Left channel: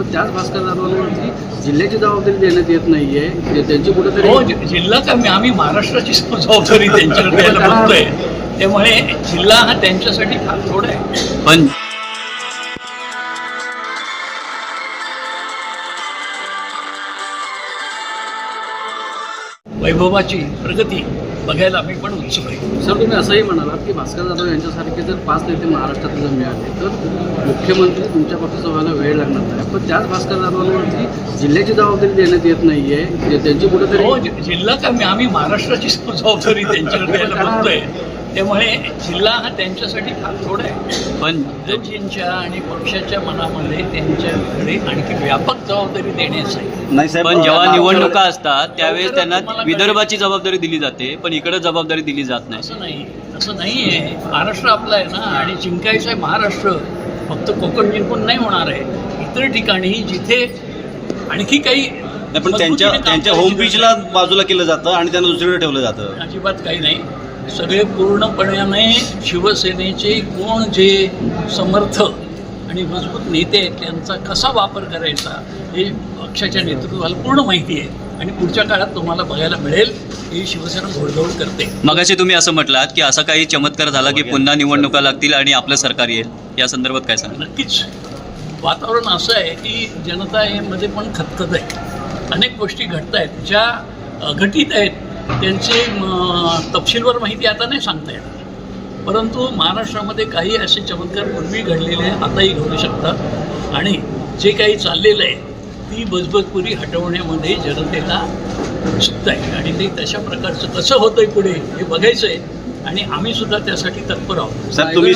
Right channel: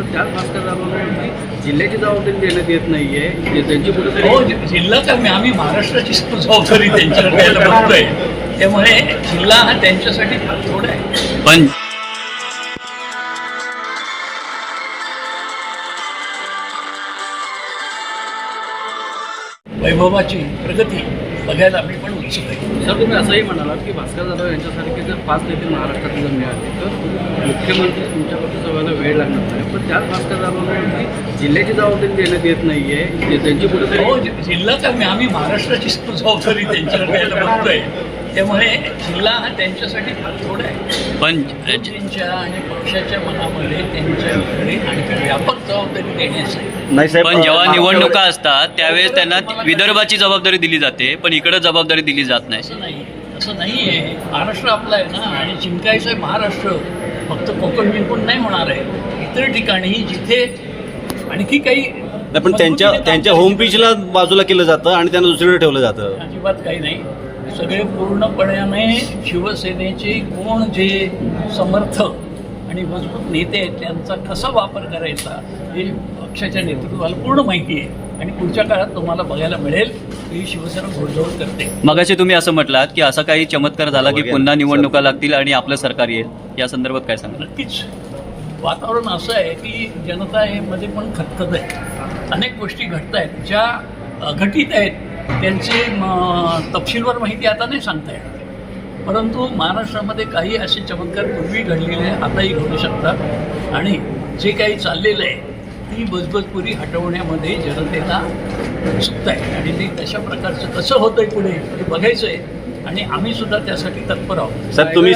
पण त्याच भास्कर जाधवांवरती जिल्ह्याची जबाबदारी देण्यात येत नाहीये. त्यांची कुठेतरी हो, जिल्हा कमी, आम्ही महाराष्ट्राची जबाबदारी त्यांच्याकडे द्यायला बघतोय. त्यामुळे जिल्हा हा त्यांच्यासाठी फार थोडा आहे. पण वैभवाची प्रगती बघायला आम्ही पण उत्सुक आहे. सर, तुम्ही असंही म्हणालात की भास्कर जाधव यांच्यासारखे जर 5 नेते महाराष्ट्रात जर मिळाले तर मुख्यमंत्री तुमच्या पक्षाचा व्हायला वेळ लागणार आहे. पण त्याच भास्कर जाधवांवरती जिल्ह्याची जबाबदारी देण्यात येत नाहीये. त्यांची कुठेतरी हो, जिल्हा कमी, आम्ही महाराष्ट्राची जबाबदारी त्यांच्याकडे द्यायला बघतोय. त्यामुळे जिल्हा हा त्यांच्यासाठी फार थोडा आहे. पण विरोधींच्या आणि पक्षाच्या मनामध्ये त्यांच्याकडे आणखी व्यापक जबाबदारी देण्याची आहे. नाही साहेब, पण जेव्हा निवडणुका असतात त्यावेळेस त्यांना विदर्भाची जबाबदारी दिली जाते, पण इकडे जबाबदारी दिली जात नाही. असं नाही आहे. महाराष्ट्र आपला आहे ना, आणि जिंकायचं आहे महाराष्ट्र. फक्त कोकण जिंकून नाही होणार आहे. इतर ठिकाणी जिथे आणखी काही पण त्यांच्या होम पिचला बाजूला केलं जातं आणि त्यांना दुसरीकडे ठेवलं जातं. अजिबात काही नाही. सगळे पूर्णपणे शिवसेनेचे कोण जे समर्थ आणि मजबूत नेते आहेत त्यांचा कसा वापर करायचा हे पक्षाच्या नेतृत्वाला पूर्ण माहिती आहे. आणि पुढच्या काळात तुम्हाला बघायला मिळेल की शिवसेना घोडदौड करते. मगाशी तुम्ही असं म्हटलात की असा काही चमत्कार झाला की पुन्हा निवडणुका लागतील आणि आपलं सरकार येईल, या संदर्भात काय सांगा? नक्कीच वातावरण असं आहे की जनता मध्ये पण खतखत आहे. अनेक गोष्टी घडत आहेत, ज्या घटित आहेत त्यांचे तपशीलवार माहिती आता नाही सांगता येणार. परंतु महाराष्ट्रामध्ये काही असे चमत्कार पूर्वी घडलेले आताही घडू शकतात. आणि जे काही चाललेलं आहे ती बजबजपुरी हटवण्यामध्ये जनतेला उत्सुकता आहे. आणि ते तशा प्रकारचं कसं होतंय पुढे हे बघायचं आहे. आणि आम्ही सुद्धा त्यासाठी तत्पर आहोत. साहेब, तुम्ही